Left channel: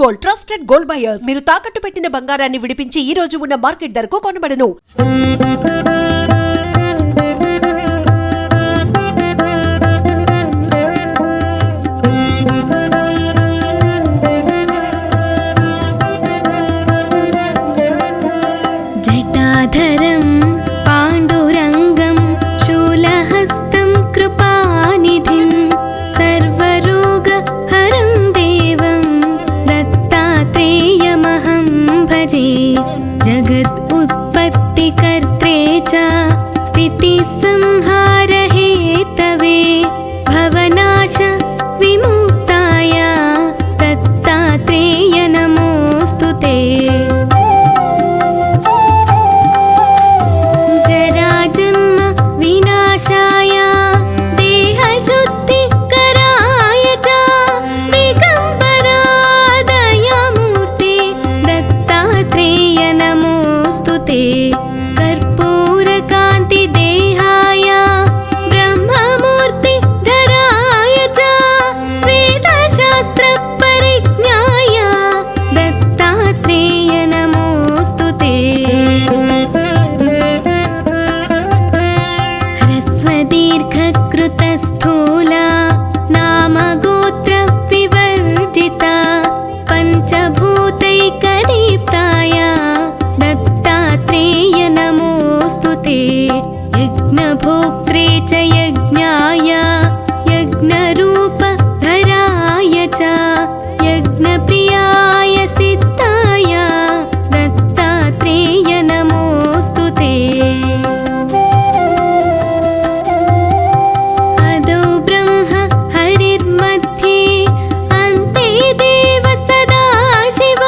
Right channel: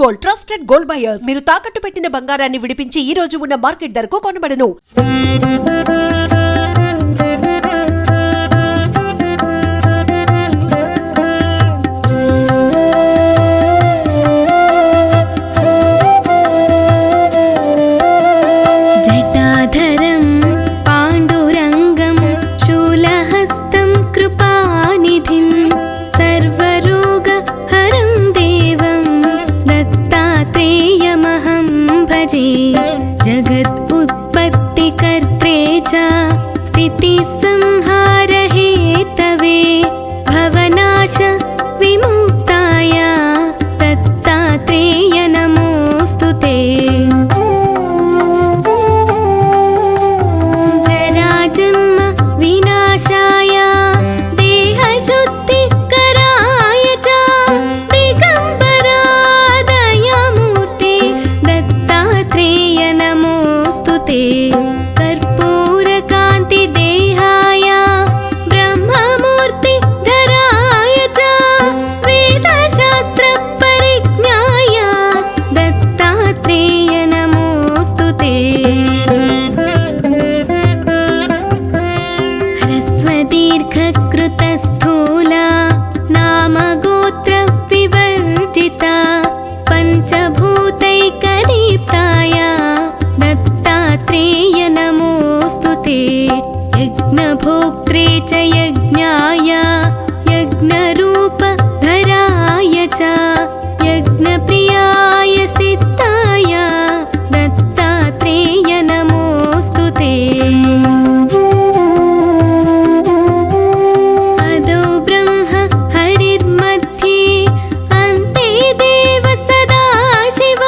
Gold trusted gold buyers మీరు తాకట్టు పెట్టిన బంగారాన్ని విడిపించి ఈ రోజు ఉన్న మార్కెట్ ధరకు కొనబడను. జటాధరం పాండురంగం శూలహస్తం కృపానిధిం సర్వరోగహరం దేవం దత్తాత్రేయమహం భజే. జగద్ ఉత్పత్తికర్త్రే చ స్థితిసంహారహేతవే భవనాశ విముక్తాయ దత్తాత్రేయ నమోస్తుతే. జరాజన్మ వినాశాయ దేహశుద్ధికరాయ చ దిగంబరా దయామూర్తే దత్తాత్రేయ నమోస్తుతే. కర్పూరకాంతి దేహాయ బ్రహ్మమూర్తి ధరాయ చ వేదశాస్త్ర పరిజ్ఞాయ దత్తాత్రేయ నమోస్తుతే. హ్రస్వదీర్ఘకృతస్థూలా నామగోత్ర వివర్జితా పంచభూతైకదీప్తాయ దత్తాత్రేయ నమోస్తుతే. యజ్ఞభోక్త్రే చ యజ్ఞాయ యజ్ఞరూపధరాయ చ యజ్ఞప్రియాయ సిద్ధాయ దత్తాత్రేయ నమోస్తుతే. అదో బ్రహ్మ హరిర్मध्ये अन्ते देव सदाशिव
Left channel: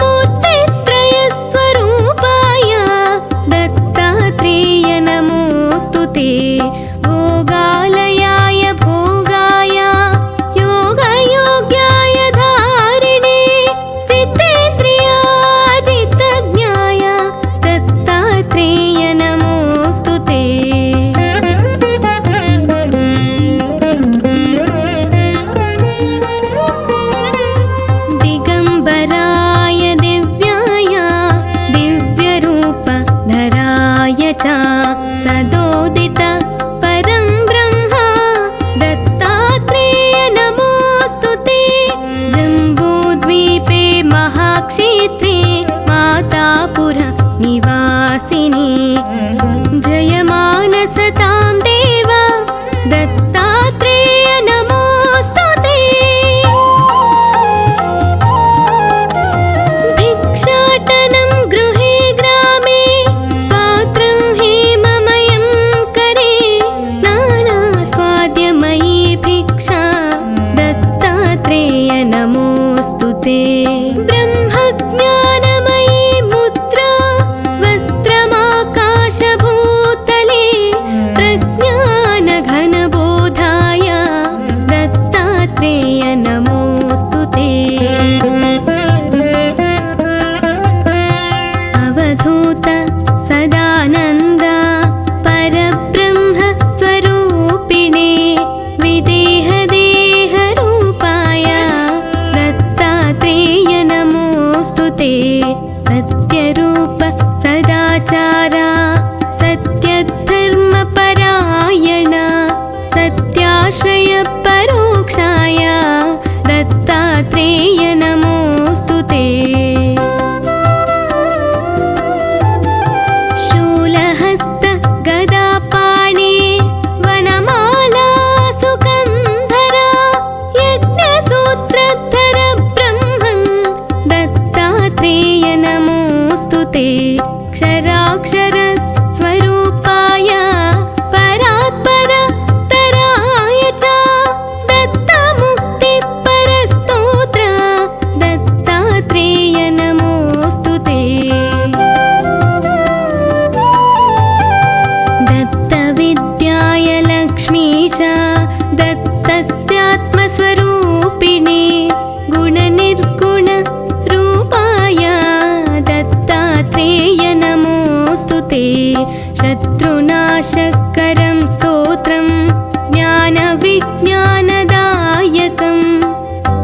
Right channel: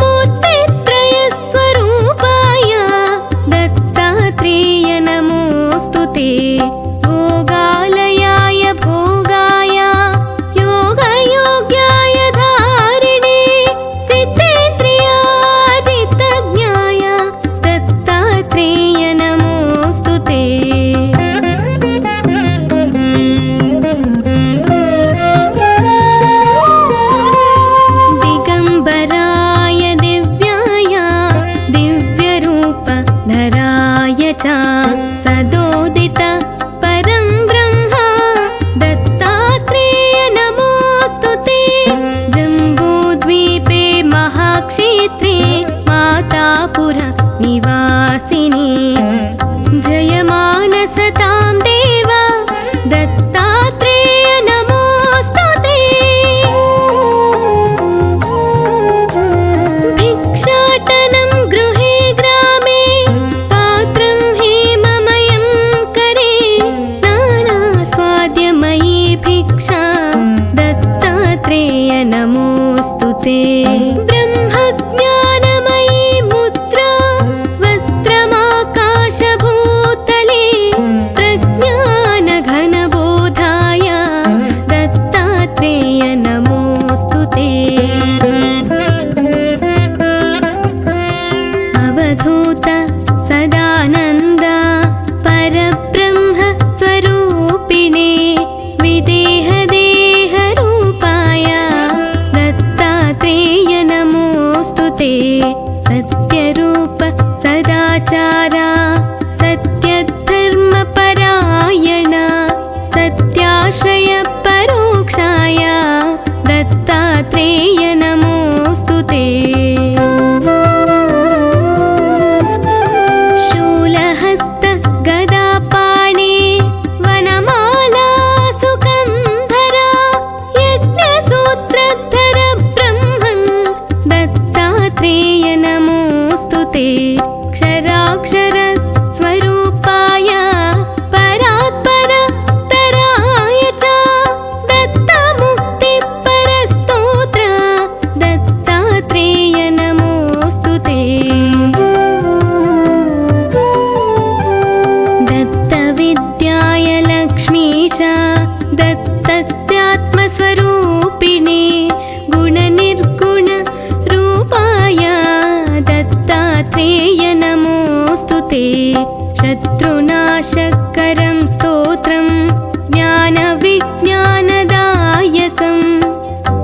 मूर्तित्रयस्वरूपाय दत्तात्रेय नमोस्तुते. भोगालयाय भोगाय योगयोग्याय धारिणे चित्तेन्द्रियाजितज्ञाय दत्तात्रेय नमोस्तुते. दिगंबराय दिव्याय दिव्यरूपधराय च सदोदित परं ब्रह्म दत्तात्रेय नमोस्तुते. जम्बूद्वीपे महाक्षेत्रे मातापुर निवासिने जयमानसतां देव दत्तात्रेय नमोस्तुते. भिक्षाटनं गृहे ग्रामे पात्रं हेममयं करे नानास्वाद्यमयी भिक्षा दत्तात्रेय नमोस्तुते. ब्रह्मज्ञानमयी मुद्रा वस्त्रमाकाशभूतले प्रज्ञानघनबोधाय दत्तात्रेय नमोस्तुते. अवधूत सदानन्द परब्रह्म स्वरूपिणे विदेहदेहरूपाय दत्तात्रेय नमोस्तुते. सत्यरूप सदाचार सत्यधर्मपरायण सत्याश्रय परोक्षाय दत्तात्रेय नमोस्तुते. शूलहस्त गदापाणे वनमाला सुकन्धरा यज्ञसूत्रधर ब्रह्मन् दत्तात्रेय नमोस्तुते. क्षराक्षर स्वरूपाय परात्पर तराय च दत्तमुक्तिपरस्तोत्र दत्तात्रेय नमोस्तुते. दत्तविद्याय लक्ष्मीश दत्तस्यात्मस्वरूपिणे गुणनिर्गुण रूपाय दत्तात्रेय नमोस्तुते. शत्रुनाशकरं स्तोत्रं ज्ञानविज्ञानदायकं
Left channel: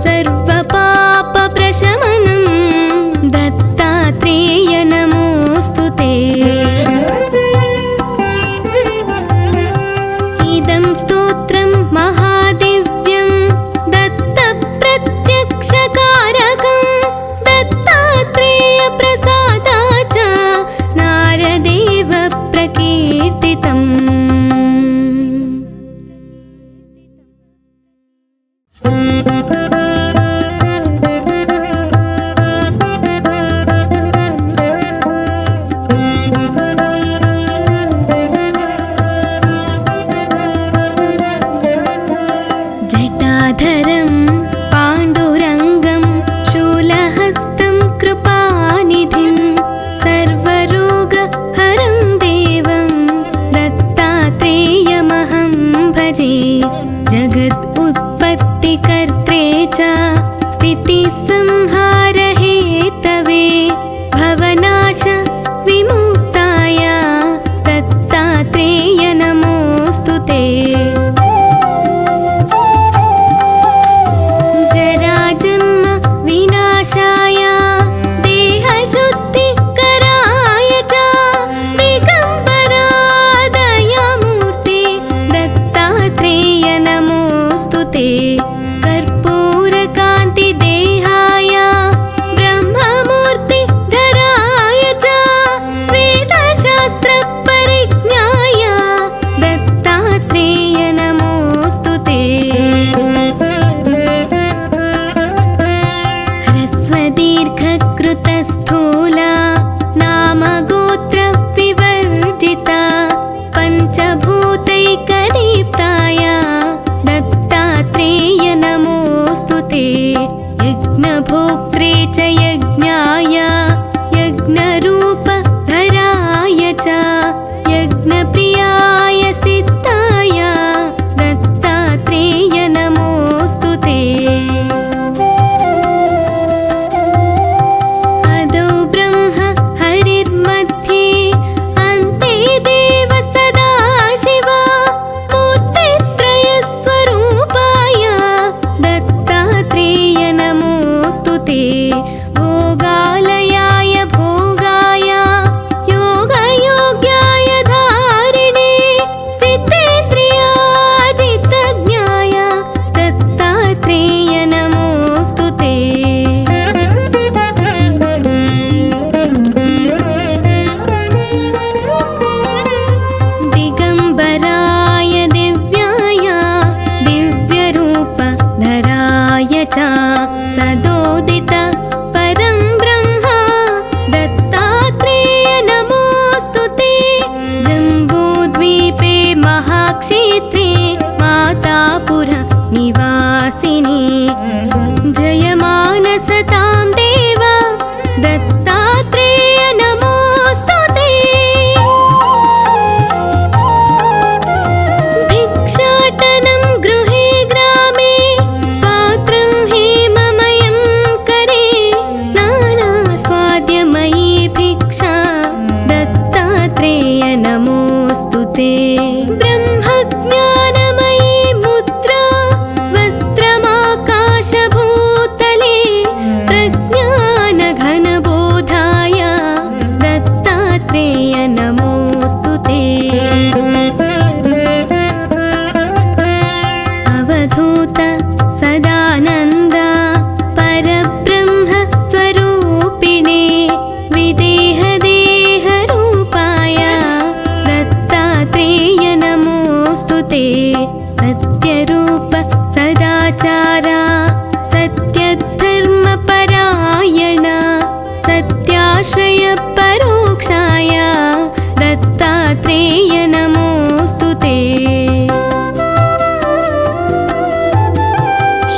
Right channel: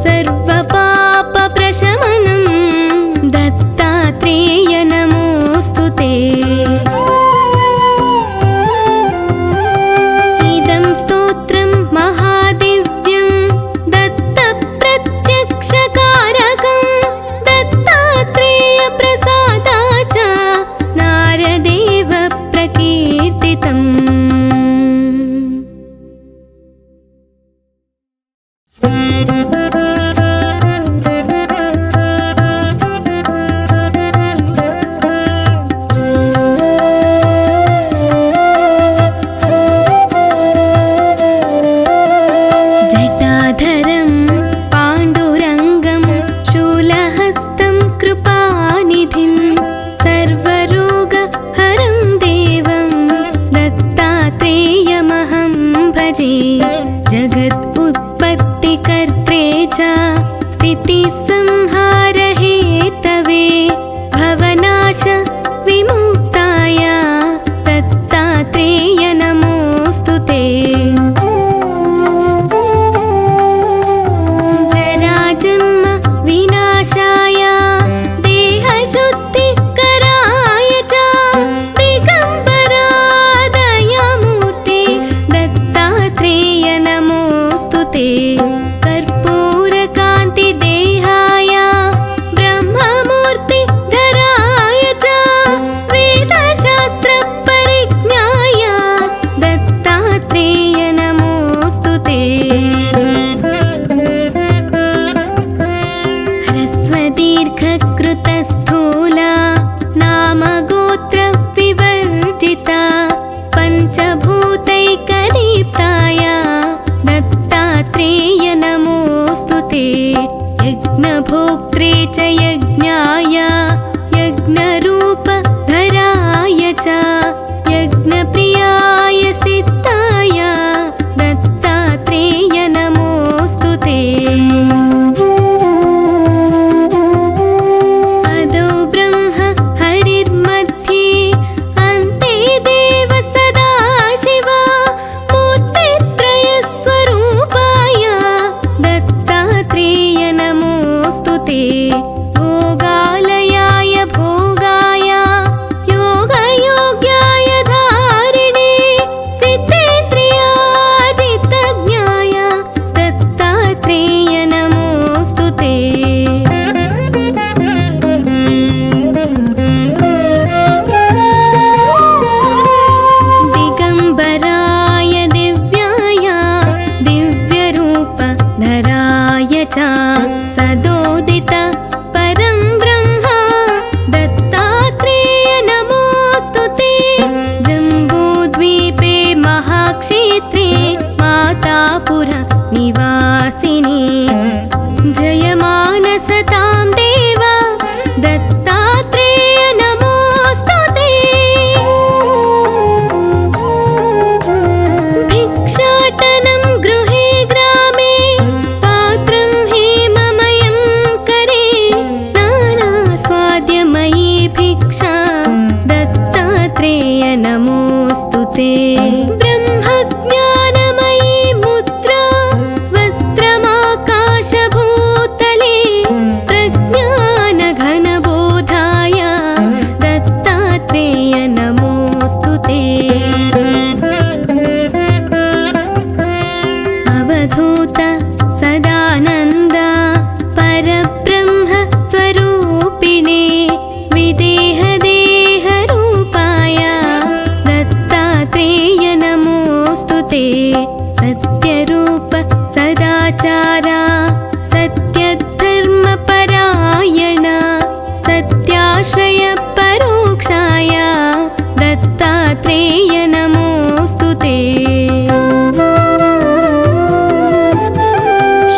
सर्वपापप्रश नमोऽस्तु ते। इदं स्तोत्रं महादिव्यं दत्तप्रत्यक्षकारकं दत्तात्रेयप्रसादाच्च नारदेव प्रकीर्तितम्। जटाधरं पाण्डुरङ्गं शूलहस्तं कृपानिधिं सर्वरोगहरं देवं दत्तात्रेयमहं भजे। जगत् उत्पत्तिकर्त्रे च स्थितिसंहारहेतवे भवनाश विमुक्ताय दत्तात्रेय नमोऽस्तु ते। जन्म विनाशाय देहशुद्धिकराय च दिगम्बरा दयामूर्ते दत्तात्रेय नमोऽस्तु ते। कर्पूरकान्तिदेहाय ब्रह्ममूर्तिधराय च वेदशास्त्रपरिज्ञाय दत्तात्रेय नमोऽस्तु ते। दीर्घकृतस्थूला नामगोत्रविवर्जिता पञ्चभूतैकदीप्ताय दत्तात्रेय नमोऽस्तु ते। यज्ञभोक्त्रे च यज्ञाय यज्ञरूपधराय च यज्ञप्रियाय सिद्धाय दत्तात्रेय नमोऽस्तु ते। हरिर्मध्ये अन्ते देव सदाशिव मूर्तित्रयस्वरूपाय दत्तात्रेय नमोऽस्तु ते। भोगालयाय भोगाय योगयोग्याय धारिणे जितेन्द्रियाजितज्ञाय दत्तात्रेय नमोऽस्तु ते। दिगम्बराय दिव्याय दिव्यरूपधराय च सदोदित परं ब्रह्म दत्तात्रेय नमोऽस्तु ते। जम्बूद्वीपे महाक्षेत्रे मातापुर निवासिने जयमानसतां देव दत्तात्रेय नमोऽस्तु ते। भिक्षाटनं गृहे ग्रामे पात्रं हेममयं करे नानास्वाद्यमयी भिक्षा दत्तात्रेय नमोऽस्तु ते। ब्रह्मज्ञानमयी मुद्रा वस्त्रमाकाशभूतले प्रज्ञानघनबोधाय दत्तात्रेय नमोऽस्तु ते। अवधूत सदानन्द परब्रह्म स्वरूपिणे विदेहदेहरूपाय दत्तात्रेय नमोऽस्तु ते। सत्यरूप सदाचार सत्यधर्मपरायण सत्याश्रय परोक्षाय दत्तात्रेय नमोऽस्तु ते।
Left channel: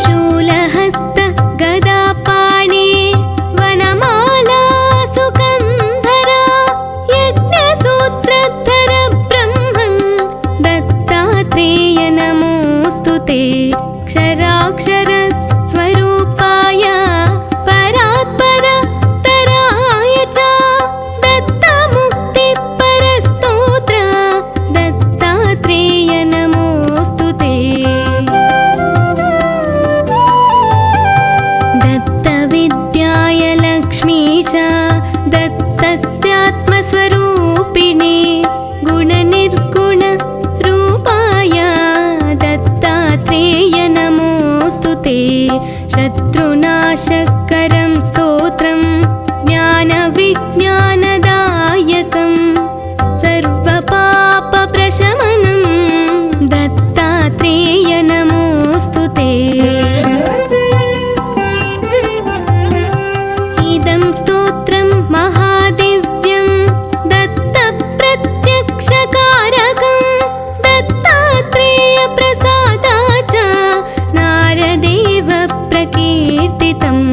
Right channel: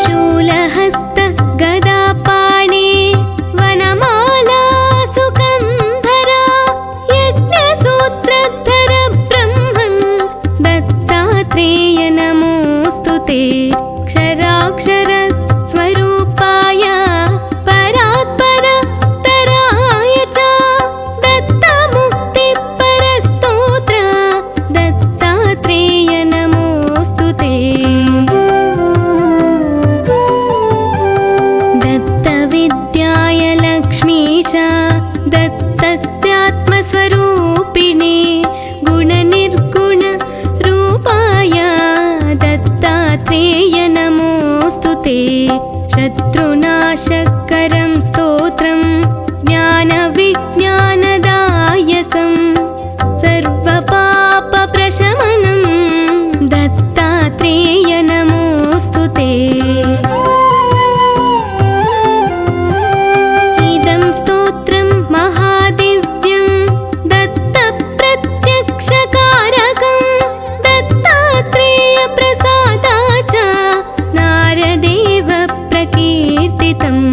शूलहस्त गदापाणे वनमाला सुगन्धरा यज्ञसूत्रधर ब्रह्मन् दत्तात्रेय नमोऽस्तु ते। क्षराक्षर स्वरूपाय परात्पर तराय च दत्तमुक्तिपरस्तोत्र दत्तात्रेय नमोऽस्तु ते। दत्तविद्याय लक्ष्मीश दत्त तस्यात्मस्वरूपिणे गुणनिर्गुण रूपाय दत्तात्रेय नमोऽस्तु ते। शत्रुनाशकरं स्तोत्रं ज्ञानविज्ञानदायकं सर्वपापप्रशमनं दत्तात्रेय नमोऽस्तु ते। इदं स्तोत्रं महादिव्यं दत्तप्रत्यक्षकारकं दत्तात्रेयप्रसादाच्च नारदेव प्रकीर्तितम्।